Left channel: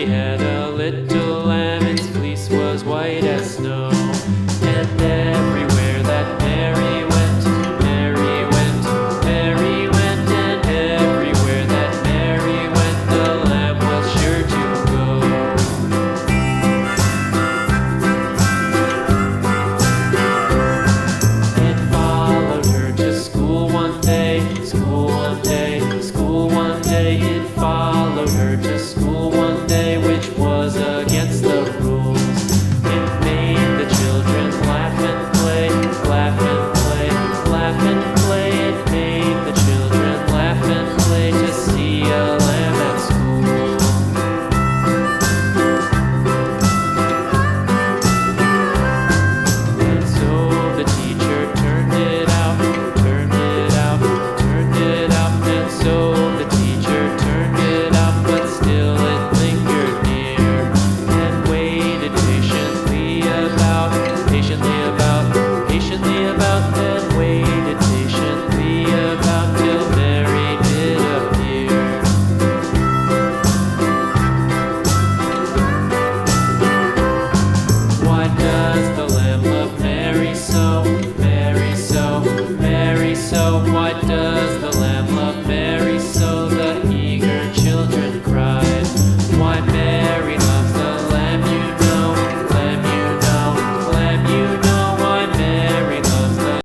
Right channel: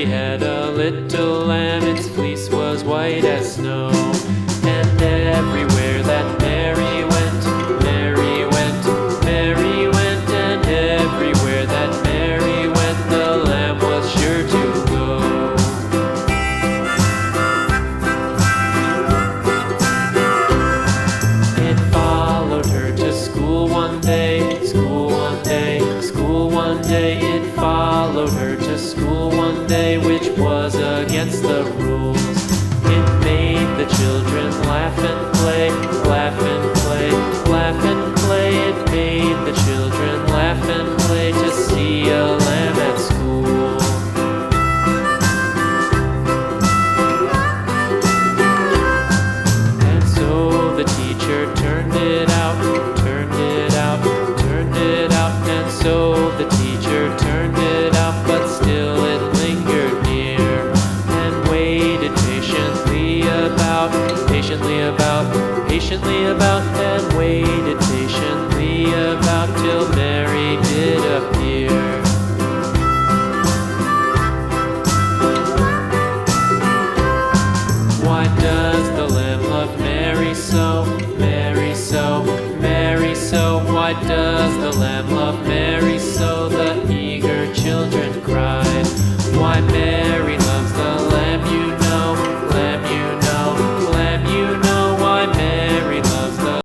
Mary had a little lamb, its fleece was white as snow. And everywhere that Mary went, Mary went, Mary went, and everywhere that Mary went, the lamb was sure to go. It followed her to school one day, school one day, school one day. It followed her to school one day, which was against the rules. It made the children laugh and play, laugh and play, laugh and play. It made the children laugh and play to see a lamb at school. And so the teacher turned it out, turned it out, turned it out. And so the teacher turned it out, but still it lingered near and waited patiently about, patiently about, patiently about, and waited patiently about